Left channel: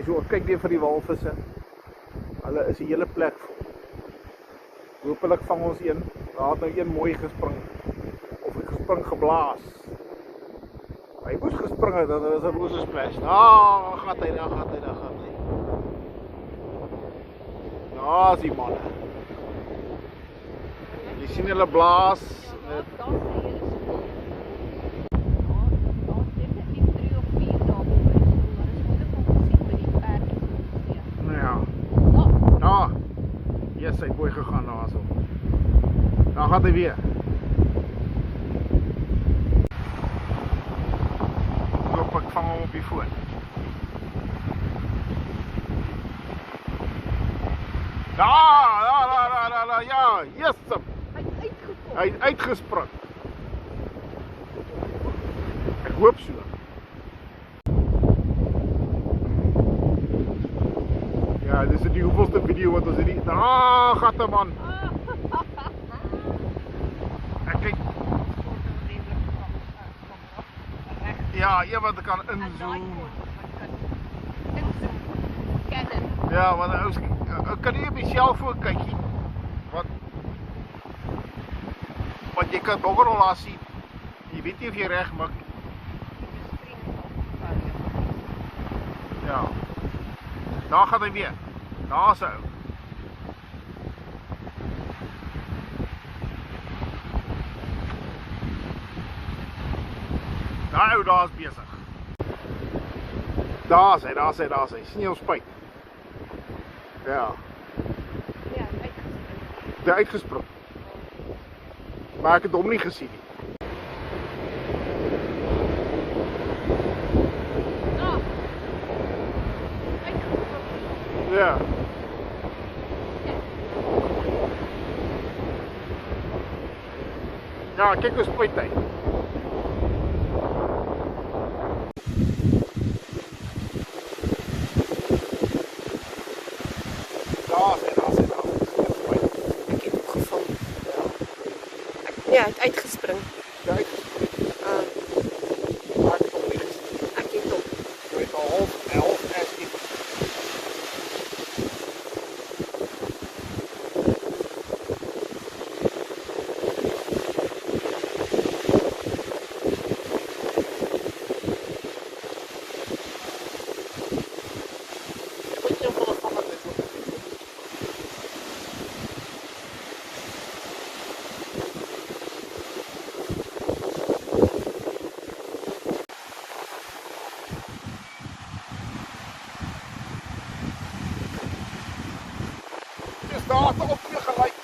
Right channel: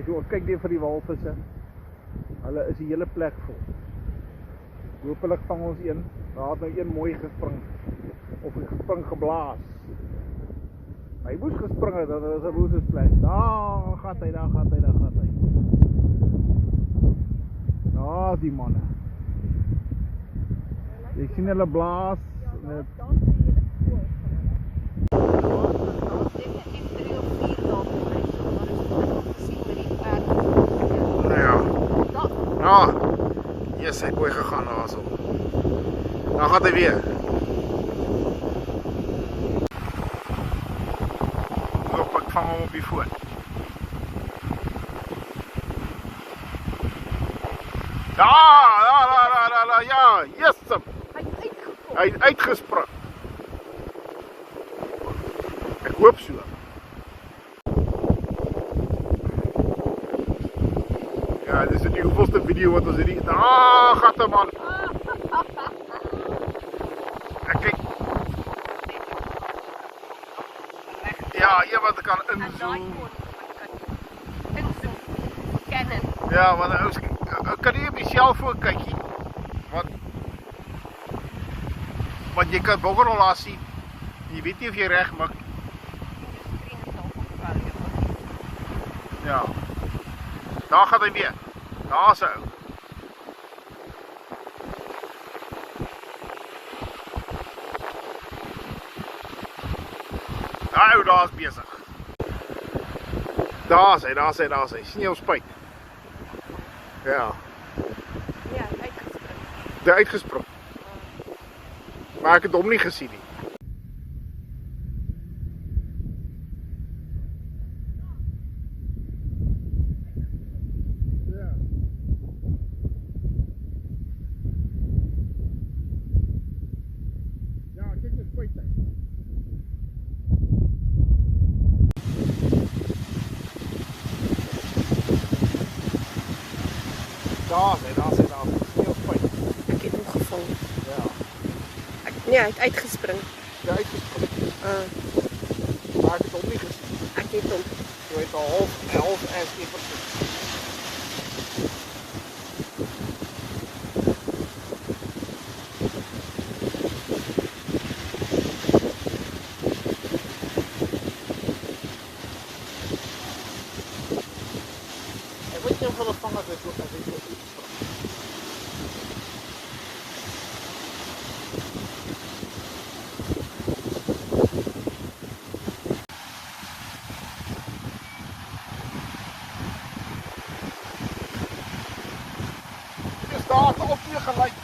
Okay, so kyk weer vir die walvisse. Hulle is die hele plek vol. Hoopelik vang ons een. Daar het nou een mooi gespring. Of ek gespring geblaas. Hy moes gespring het, dat was 'n roose splash. Daar gaat hy, daar gaat hy, daar gaat hy. Daar is die manne. Jy sien hulle blaas. Yes, hy het mooi gegaan daar so. Daar gaat hy weer. Loop, ek vang hom op die foon. Daar, ja, yes! Hy het uitgespring. Ek hoop so. Ja, dit is die hoeveelste video wat ons hierdie... Daar gaat hy man! Ek kyk... Ja, een wat ek kan inzoom. Ja, want ek kan nie op die cellfoon kykie. Want jy kan bokkerrol daar sien. Jy weet nie of jy reg mik. Ja. Daar gaat hy weer. Daar is hy ou. Daai ou daar is besig. Daar is hy, daar is hy, daar is hy. Sien jy ons spuit? Ja. Ja, uitgespring. Hy uitgespring. Maar ek het hom nie gesien nie. Ja. Ja, kyk hoe spuit hy. Daar is hy, daar is hy. Ek het hom gevang. Ja, hy het uitgespring. Ja, uitgespring. Maar ek het hom nie gesien. Ek het hom. Hy het al half keeper. Daar het op weer gelyk.